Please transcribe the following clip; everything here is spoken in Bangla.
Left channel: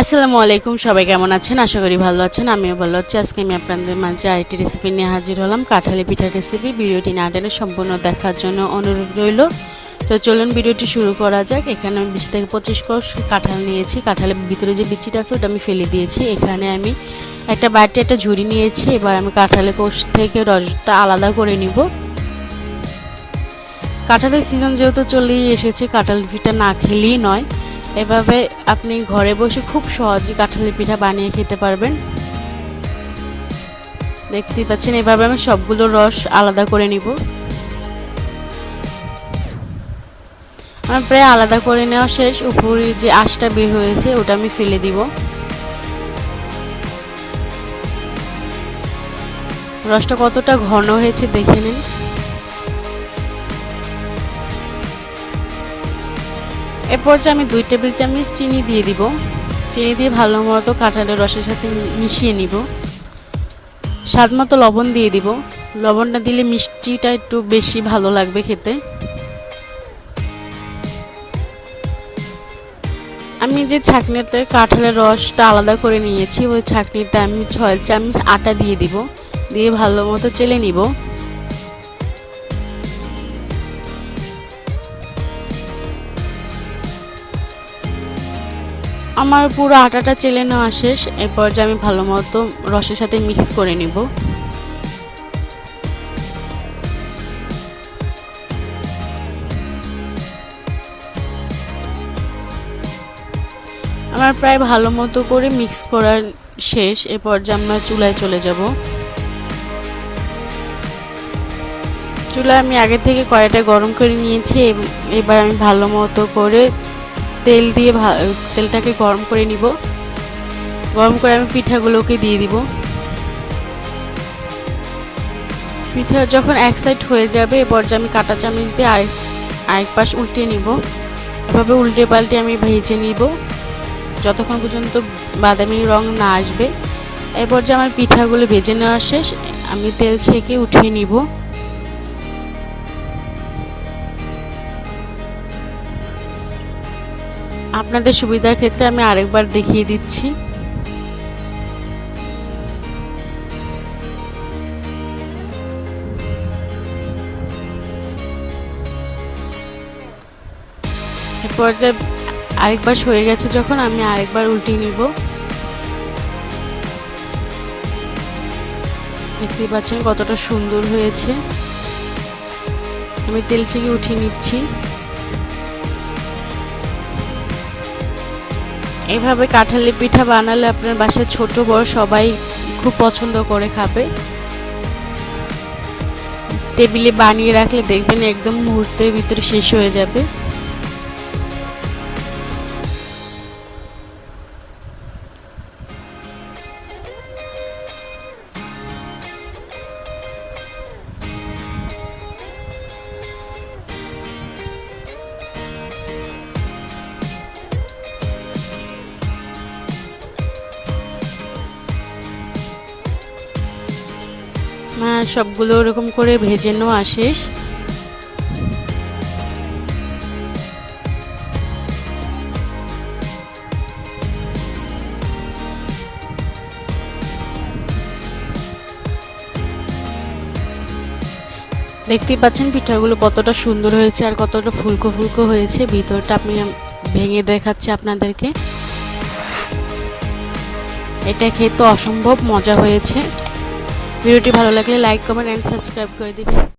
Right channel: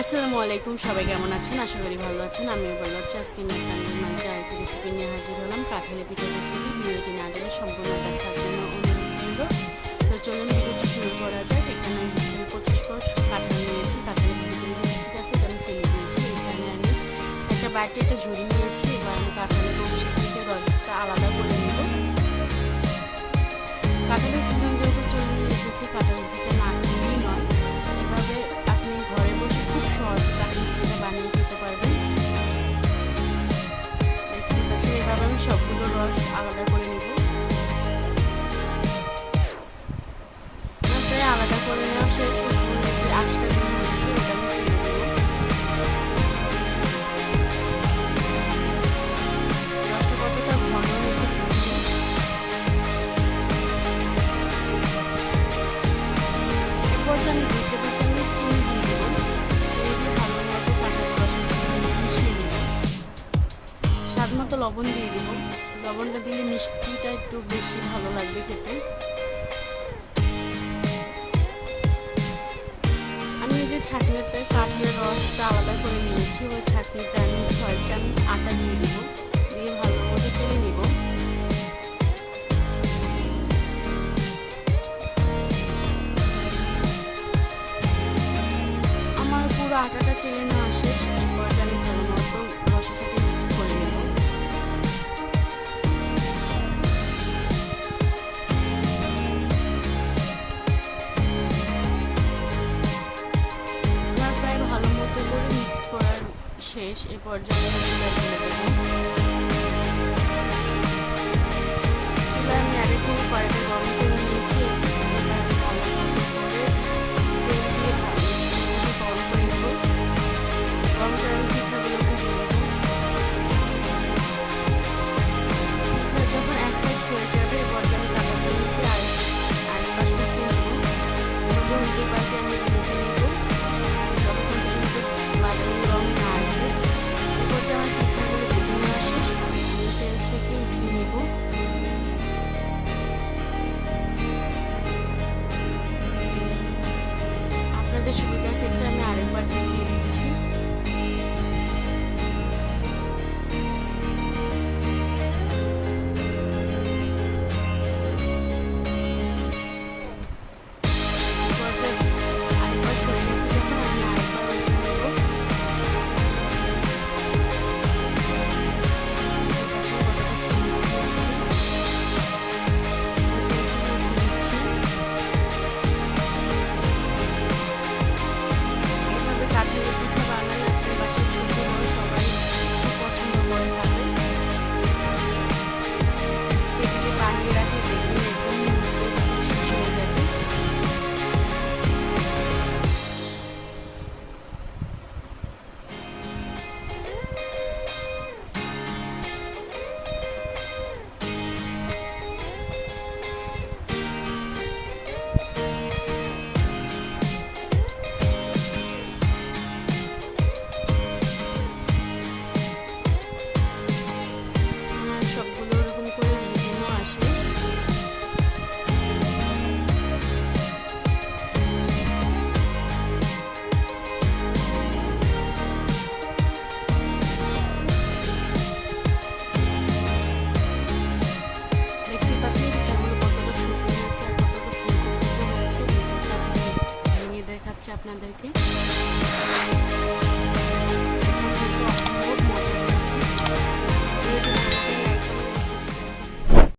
আসসালামু আলাইকুম, সবাই কেমন আছেন? আশা করি ভালো আছেন। আমিও ভালো আছি। আজকে আমি আপনাদের মাঝে আরেকটি রেসিপি নিয়ে হাজির হলাম, কাঁঠালি পিঠার রেসিপি। ভিডিওটি না টেনে সম্পূর্ণ দেখার জন্য অনুরোধ রইল। তো চলুন ভিডিওটি শুরু করা যাক। এখানে আমি 20 থেকে 25 কোষ কাঁঠাল নিয়েছি। কাঁঠালের ভিতরে যে বিচিটা আছে ওটা আমি ফেলে দিয়েছি। এখানে আমি একটা বাটি, একটা ঝুড়ি নিয়েছি। এবার আমি কাঁঠালের কোষ থেকে রসটা আলাদা করে নিব। কাঁঠালের সিজন যেহেতু চলেই এসেছে, কাঁঠাল পিঠা না খেলেই নয়। এভাবে আপনি ঘরে বসে খুব সহজে কাঁঠালের পিঠা বানিয়ে খেতে পারবেন। দেখতেই পাচ্ছেন, এভাবে আমি সবগুলো রস আলাদা করে নিব। আমার প্রায় আলাদা করে নেওয়া শেষ। উপরে যে আঁশটা বের হয়েছে ওটা আমি ফেলে দিব। রসটা কতটা ঘন হয়েছে দেখে নিন। এরপর যে আমি 2 টেবিল চামচ চিনি দিয়ে দিব। চিনি দিয়ে ভালো মতো কাঁঠালের রসের সাথে মিশিয়ে নিব। স্বাদ মতো লবণ দিয়ে দিব। লবণটা দিলে মিষ্টিটা একটু বেশি ভালো লাগবে খেতে। আমি যে ছাঁকনিতে কাঁঠালের রসটা আলাদা করে নিয়েছি, ওই ছাঁকনিতে আমি 6 চামচ আটা দিয়ে দিব। দিয়ে ভালো মতো চেলে নিব। আমার পুরো আটাটা চেলে নেওয়া শেষ। এরপর যে আমি ভালো মতো রসের সাথে মিক্স করে নিব। আমার প্রায় ভালো মতো করে মিক্স করার শেষ। এরপর যে আমরা চুলায় চলে যাব। চুলায় আমি আগে থেকে কড়াইটা গরম করে নিয়েছি। এবার আমি ভালো মতো করে তেল দিয়ে তেলটাকে গরম করে নিব। গরম করে আমি পিঠাগুলোকে দিয়ে দিব। পিঠা যখন এক সাইড হয়ে যাবে, এরপর যে আমি কাঁটা চামচ দিয়ে আরেক পাশ উল্টে নিব। এভাবে উল্টে পাল্টে আমি ভেজে নিব যতক্ষণ পর্যন্ত বাদামি রং না আসবে। এরপর যে আমার পিঠাগুলো ভেজে নেওয়া শেষ, আমি তেল ছেঁকে উঠিয়ে নিব। আপনাদের সুবিধার ক্ষেত্রে আমি আরেকবার দেখিয়ে দিচ্ছি। এরপর যে আরেকবার হয়ে গেছে যখন, আমি আরেকবার উল্টে নিব। দেখতে পাচ্ছেন কতটা সুন্দর হয়েছে। আমি তেল ছেঁকে উঠিয়ে নিচ্ছি। এভাবে কাঁঠালের পিঠা বানালে আপনার বাসায় ছোট বড় সবাই খুব পছন্দ করে খাবে। টেবিলে বানিয়ে রাখলে দেখবেন একদম মুহূর্তের ভিতরে শেষ হয়ে যাবে। সবগুলো এরকম করে ভেজে নেওয়া শেষ। দেখতেই পাচ্ছেন পিঠাগুলো কতটা সুন্দর হয়েছে আর কতটা ফুলকো ফুলকো হয়েছে। ভিতরটা আমি ভেঙে দেখাচ্ছি আপনাদেরকে। এটা খেতে অসম্ভব মজা হয়েছে। ভিডিওটি ভালো লাগলে লাইক, কমেন্ট এন্ড সাবস্ক্রাইব করে দিবেন।